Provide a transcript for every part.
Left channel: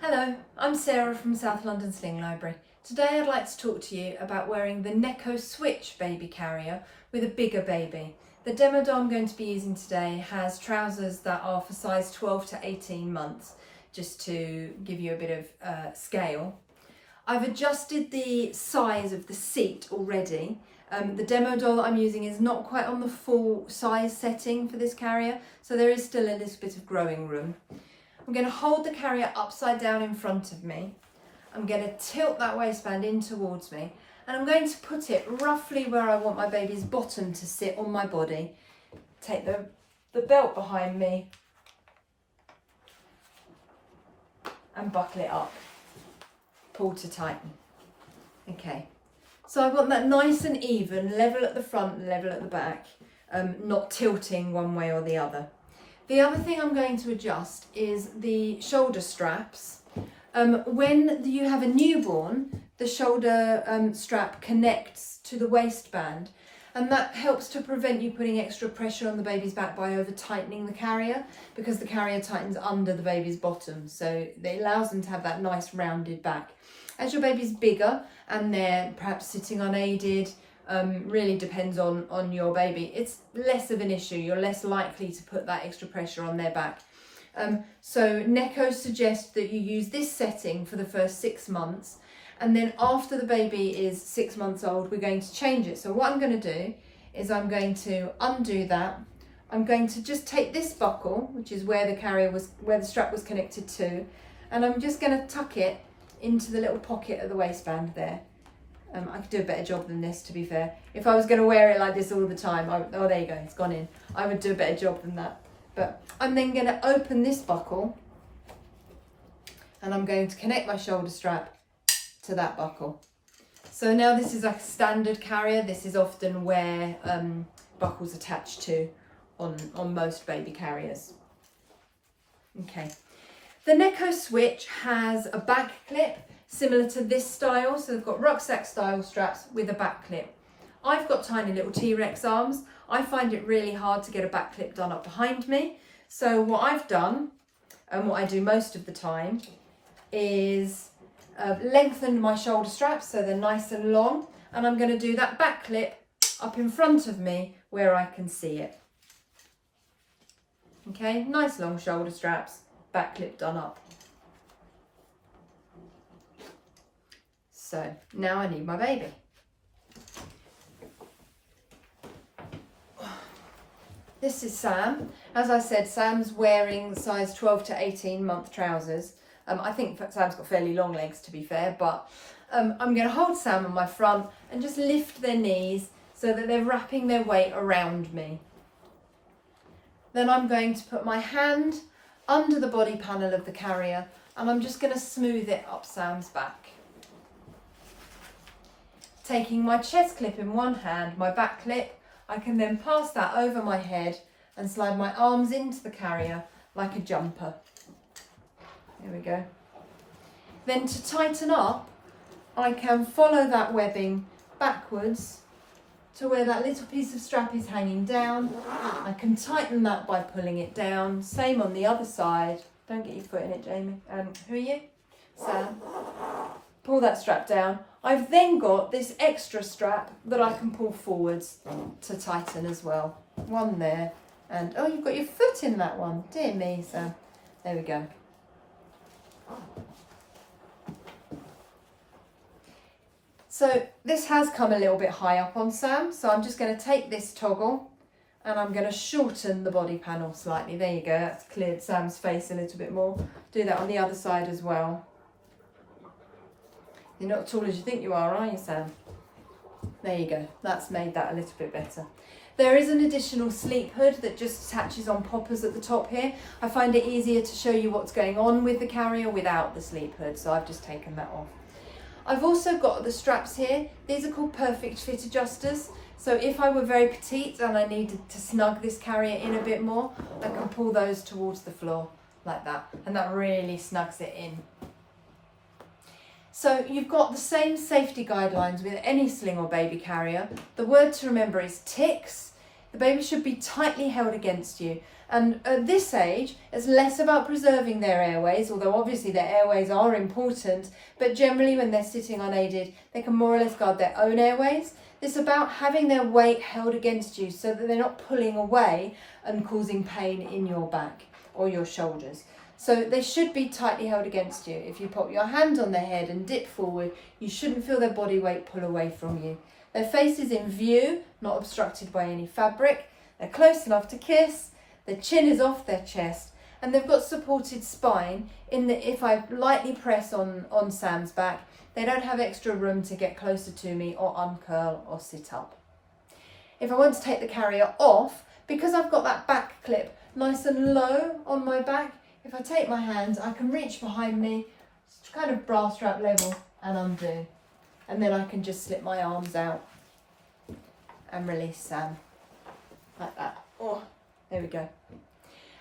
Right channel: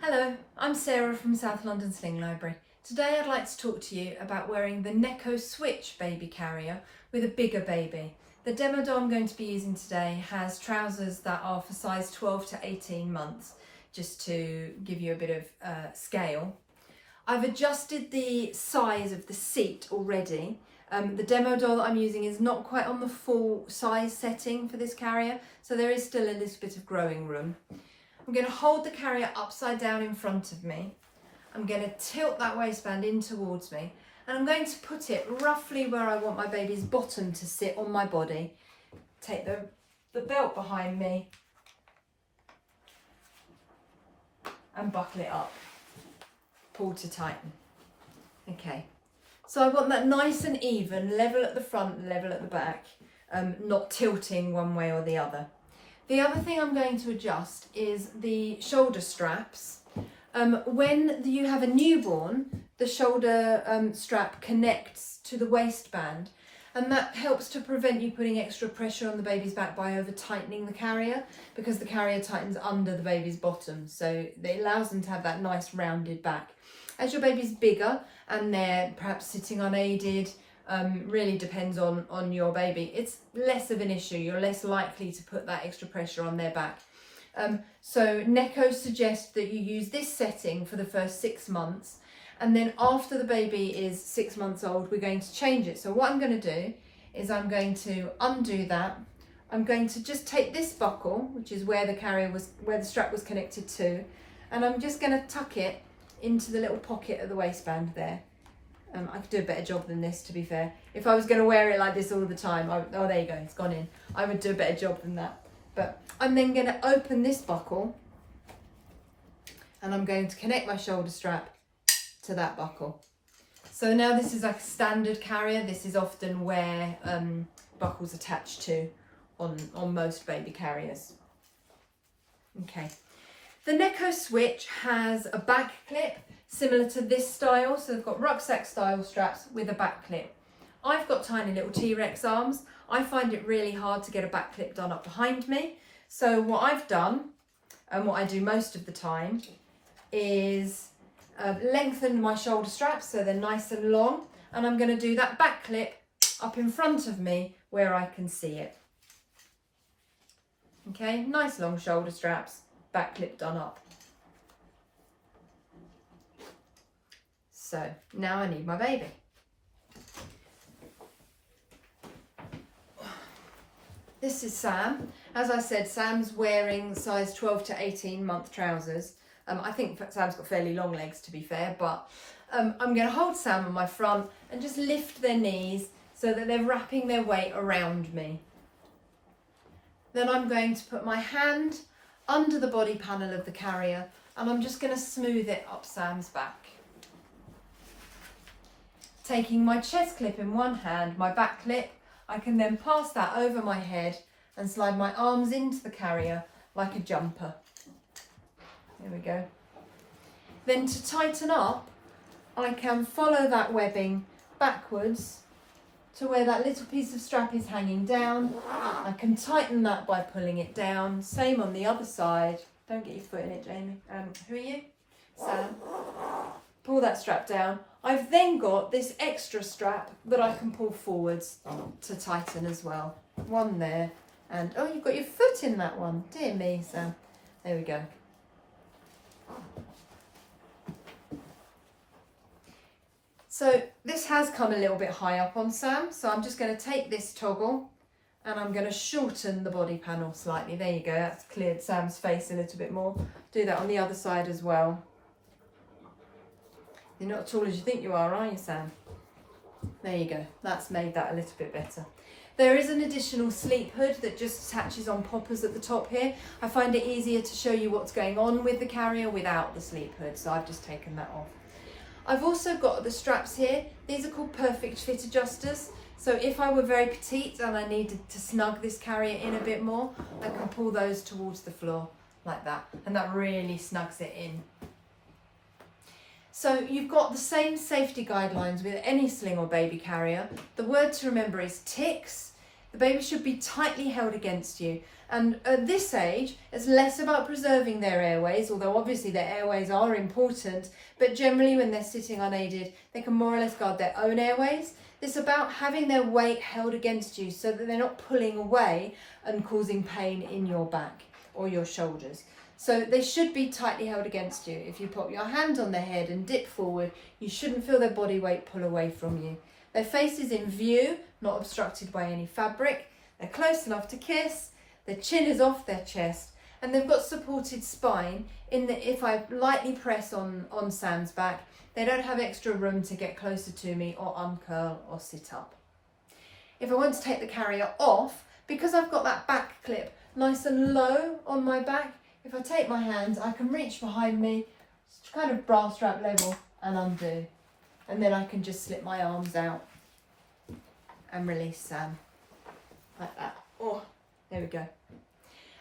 Hello, I'm Sarah from South London Sling Library. Today I'd like to talk to you about wearing the Neko Switch Baby Carrier with a bigger baby. The demo doll I'm going to be using today has trousers that are for size 12 to 18 months, just to give you a bit of scale. I've adjusted the size of the seat already. The demo doll that I'm using is not quite on the full size setting for this carrier, so there is still a little bit of growing room. I'm going to hold the carrier upside down in front of me. I'm going to tilt that waistband in towards me, and I'm going to put it roughly where I want my baby's bottom to sit on my body. Take the belt behind me and buckle it up. Pull to tighten. Okay, so I want that nice and even, level at the front, level at the back, not tilting one way or the other. The other thing I'm going to adjust is the shoulder straps. When you have a newborn, the shoulder strap connects to the waistband, and that helps to prevent you putting extra pressure on the baby's back by over tightening the carrier, because the carrier tightens under the baby's bottom, so it allows them to have that nice rounded back. As your baby's bigger and they're perhaps sitting unaided, really depends on your baby, it's less of an issue. You're less likely to put that extra pressure on their back. So Neko suggests that you use this setting for the first 6 months, and then after the baby is 6 months old, we're going to change it. So what I'm going to do is I'm going to undo that. I'm going to just take this buckle, which is where the strap was connected to, and I'm just going to tuck it into the little pocket of the waistband there. I could do a better job than this, to be fair. If I was going to wear it like this all the time, oh, there you go, it's gone in. I would do a better job than that. But I'm then going to open this buckle, and I'm going to connect my shoulder strap to that buckle. So now this is like a standard carrier. This is often where buckles attach to on most baby carriers. Okay. The Neko Switch has a back clip similar to this style, so they've got rucksack style straps with a back clip. I've got tiny little T-Rex arms. I find it really hard to get a back clip done up behind me. So what I've done, and what I do most of the time, is lengthen my shoulder straps so they're nice and long, and I'm going to do that back clip up in front of me where I can see it. Okay, nice long shoulder straps, back clip done up. So now I need my baby. This is Sam. As I said, Sam's wearing size 12 to 18 month trousers. I think Sam's got fairly long legs, to be fair, but I'm going to hold Sam on my front and just lift their knees so that they're wrapping their weight around me. Then I'm going to put my hand under the body panel of the carrier, and I'm just going to smooth it up Sam's back. Taking my chest clip in one hand, my back clip, I can then pass that over my head and slide my arms into the carrier like a jumper. Here we go. Then to tighten up, I can follow that webbing backwards to where that little piece of strap is hanging down. I can tighten that by pulling it down. Same on the other side. Don't get your foot in it, Jamie. Who are you? Sam. Pull that strap down. I've then got this extra strap that I can pull forwards to tighten as well. One there, and oh, you've got your foot in that one. Dear me, Sam. There we go. So this has come a little bit high up on Sam, so I'm just going to take this toggle and I'm going to shorten the body panel slightly. There you go, that's cleared Sam's face a little bit more. Do that on the other side as well. You're not as tall as you think you are you, Sam? There you go, that's made that a little bit better. There is an additional sleep hood that just attaches on poppers at the top here. I find it easier to show you what's going on with the carrier without the sleep hood, so I've just taken that off. I've also got the straps here. These are called perfect fit adjusters. So if I were very petite and I needed to snug this carrier in a bit more, I can pull those towards the floor like that, and that really snugs it in. So you've got the same safety guidelines with any sling or baby carrier. The word to remember is ticks. The baby should be tightly held against you. And at this age, it's less about preserving their airways, although obviously their airways are important, but generally when they're sitting unaided, they can more or less guard their own airways. It's about having their weight held against you so that they're not pulling away and causing pain in your back or your shoulders. So they should be tightly held against you. If you put your hand on their head and dip forward, you shouldn't feel their body weight pull away from you. Their face is in view, not obstructed by any fabric. They're close enough to kiss. Their chin is off their chest, and they've got supported spine in that if I lightly press on Sam's back, they don't have extra room to get closer to me or uncurl or sit up. If I want to take the carrier off, because I've got that back clip nice and low on my back, if I take my hands, I can reach behind me, kind of bra strap level, and undo. And then I can just slip my arms out and release Sam, like that. Oh, there we go.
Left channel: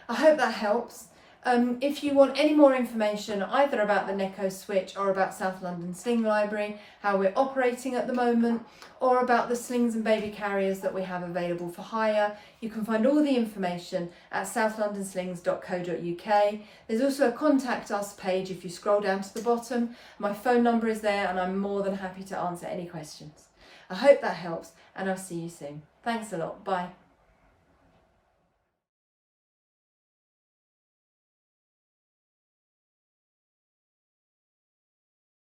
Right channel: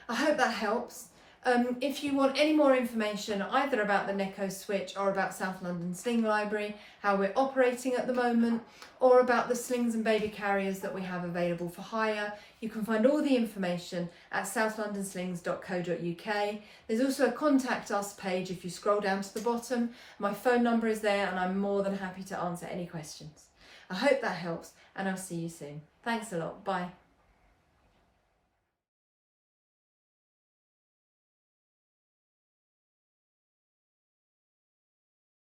I hope that helps. If you want any more information either about the Neko Switch or about South London Sling Library, how we're operating at the moment, or about the slings and baby carriers that we have available for hire, you can find all the information at southlondonslings.co.uk. There's also a contact us page if you scroll down to the bottom. My phone number is there and I'm more than happy to answer any questions. I hope that helps and I'll see you soon. Thanks a lot. Bye.